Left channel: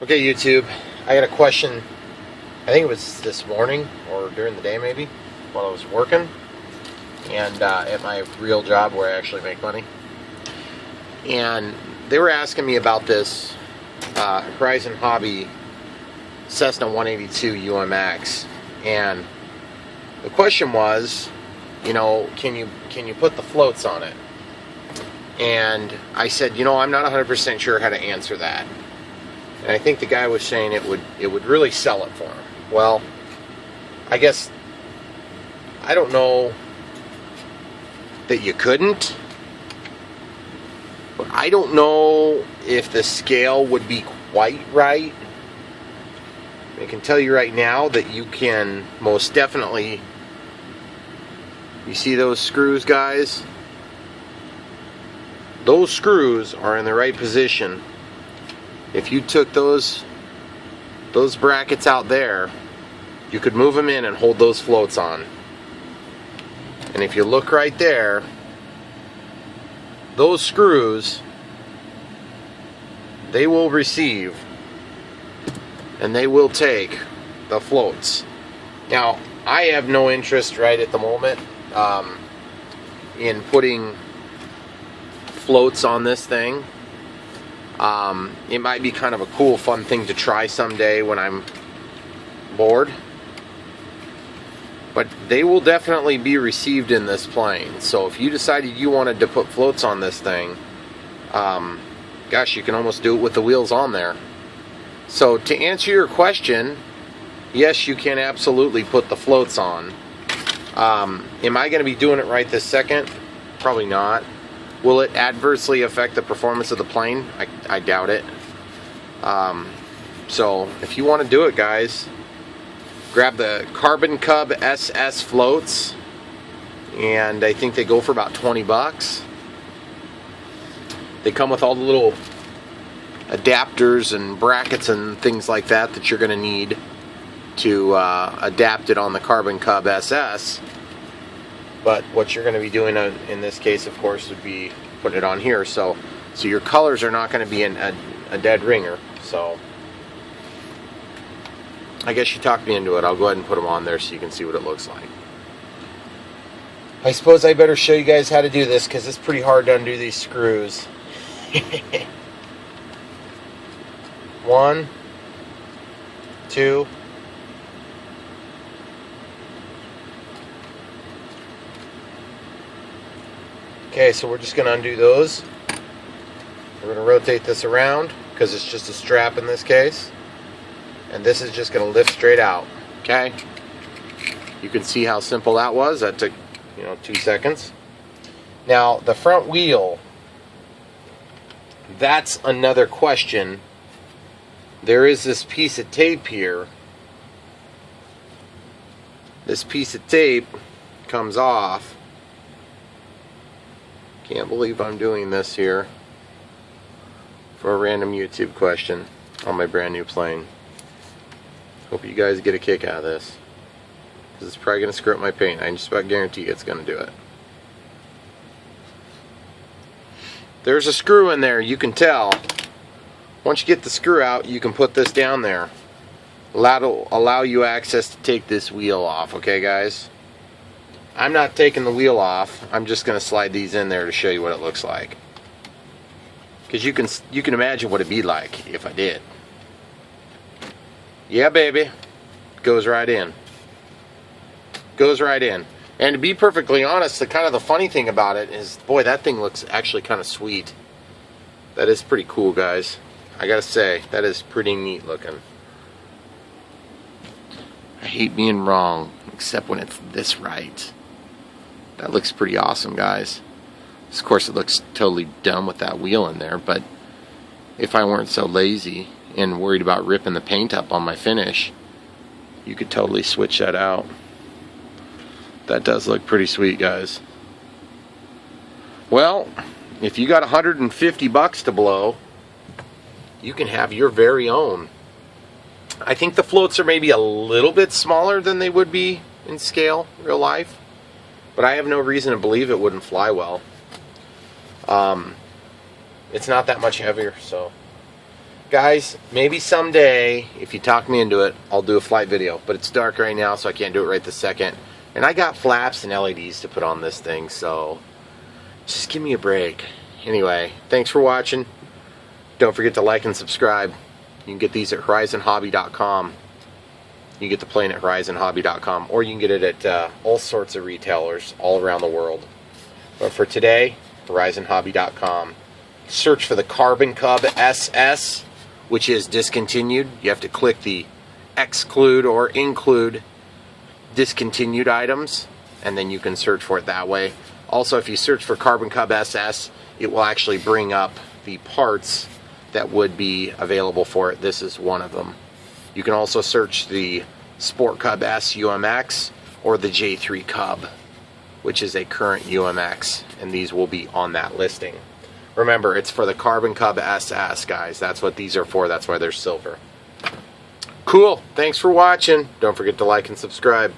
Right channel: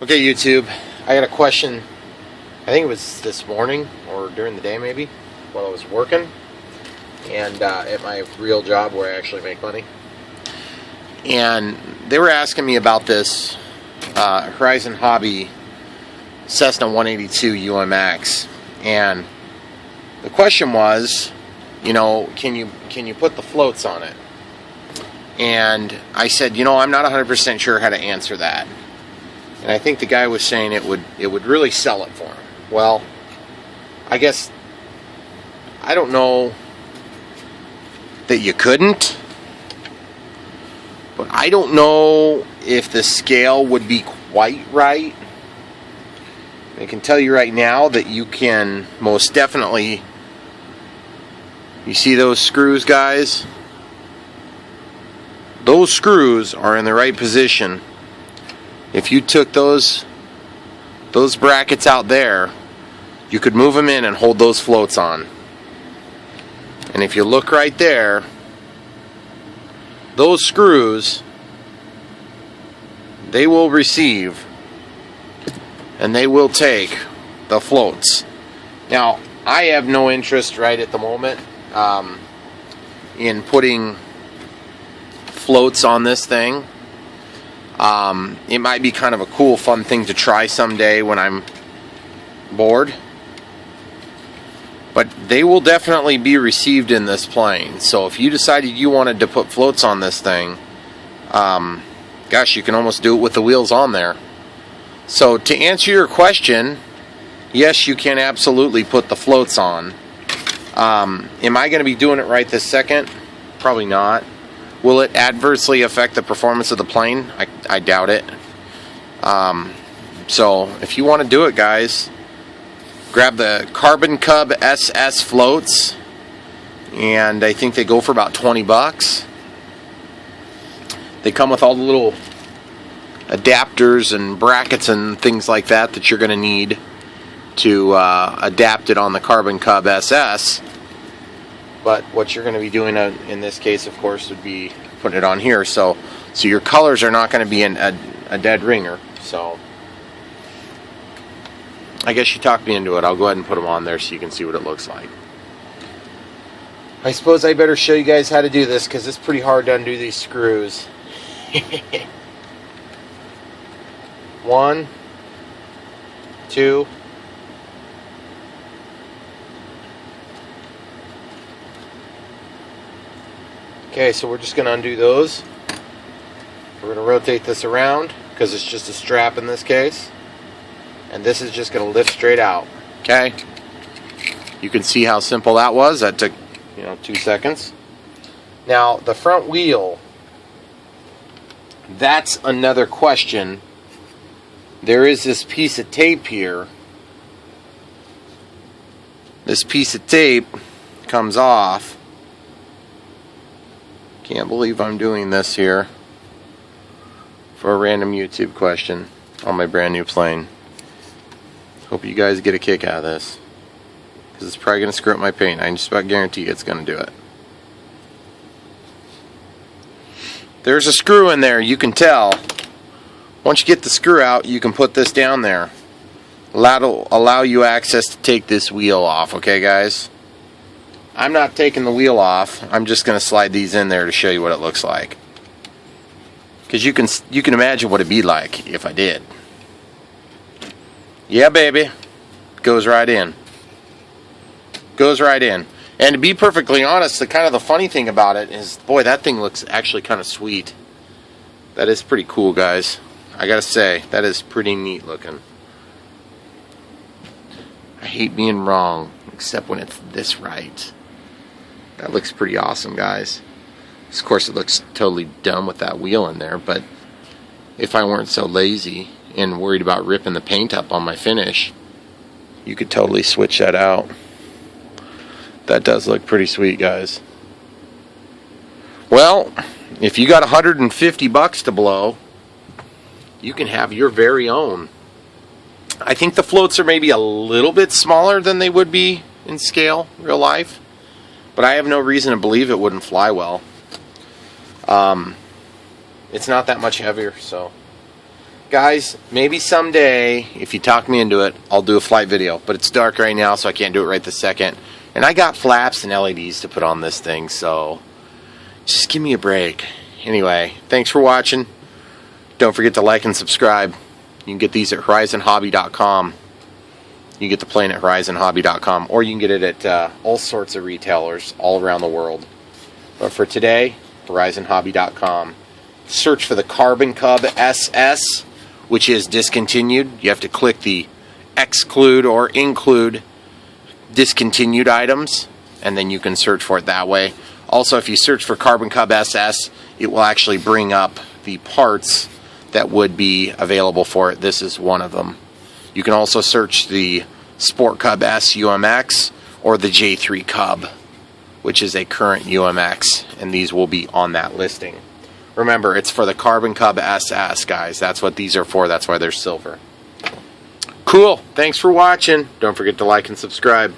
Okay, YouTube, I got a question. I think it was this morning or during the day maybe while I was working and at my real job where I actually make money. And they were asking me about this Horizon Hobby Cessna 182 UMX. And the question was, can you put the floats on it? And I said, I'm not 100% sure how to answer that. And I think the guy was saying it would really sell it for him. Well, I guess I don't know that you couldn't, but I don't know if the scale would be quite right. I can tell you right now that you can most definitely, you see those screws, guys? Those screws are in the right position. If you took those brackets out there, you could move them in and hold those floats on. And if you look right there, those screws, they will receive and they will take the floats. Now, I have no interest right at the moment in putting floats on this thing. It might be kind of a cool, fun thing to try someday when I'm bored. But they will definitely be received in this plane. So if you decided you wanted to put floats on this thing, gosh, you can almost do it with the wheels on there. So to answer your question, yes, you can absolutely put the floats on. Am I going to be doing it right this second? Probably not. Will it adversely affect the performance of the plane? I doubt it. So if you want to do it, guys, grab the Carbon Cub SS floats, and I think they go for about 20 bucks. They come with all the little adapters and brackets and things like that you're going to need to adapt it on the Carbon Cub SS. But what you're going to be doing in this case, of course, would be putting it on here. So your colors are not going to be a dead ringer. So I guess you talked me into it. I'll go ahead and put them on there so you can see what it looks like. I suppose I better show you guys how to do this because it's pretty hard to undo these screws. 1, 2. Okay, so we're just going to undo those. We're going to rotate this around because it's just a strap in this case. And this is just going to lift straight out. Okay? You can see how simple that was. That took, 2 seconds. Now, the front wheel, that's another question. There is this piece of tape here. This piece of tape comes off. Can't believe I'm doing this here for a random YouTube question on my brand new plane. Hope you guys get a kick out of this, because it's probably going to screw up my paint. I just about guarantee it's going to do it. There's a screw in there, you can tell. Once you get the screw out, you can put this down there. Allow you access to take this wheel off, okay, guys? I'm not taking the wheel off. I'm just going to slide these in there to show you what it looks like. Because you can imagine what it'd be like if I did. Yeah, baby. Goes right in. Goes right in. And to be perfectly honest, the funny thing about it is, boy, that thing looks actually kind of sweet. That is pretty cool, guys. I gotta say, that is pretty neat looking. I hate being wrong, except when it's this right. That looks pretty awesome, guys. Of course, it looks totally dumb with that wheel in there, but if I weren't so lazy and worried about ripping the paint up on my finish, you could totally switch that out. That does look pretty sweet, guys. Well, if you got 150 bucks to blow, you can have your very own. I think the floats are maybe a little bit smaller than they would be in scale, real life. But I have no reason to believe it wouldn't fly well. It's not that much heavier, so guys, maybe someday, if you talk me into it, I'll do a flight video. But it's dark right now, so I can't do it right this second. And I got flaps and LEDs to put on this thing, so just give me a break. Anyway, thanks for watching. Don't forget to like and subscribe. You can get these at horizonhobby.com. You can get the plane at horizonhobby.com, or you can get it at all sorts of retailers all around the world. But for today, horizonhobby.com. Search for the Carbon Cub SS, which is discontinued. You have to click the exclude or include discontinued items, and then you can search for it that way. Also, if you search for Carbon Cub SS, it will actually bring up the parts that would be available for it. This is one of them. You can also search the Sport Cub S UMX or the J3 Cub, which is a current UMX, and these will be on that listing. Remember, it's for the Carbon Cub SS, guys. That's what these are for. That's why they're silver. Cool. Thanks for watching. Don't forget to like and subscribe.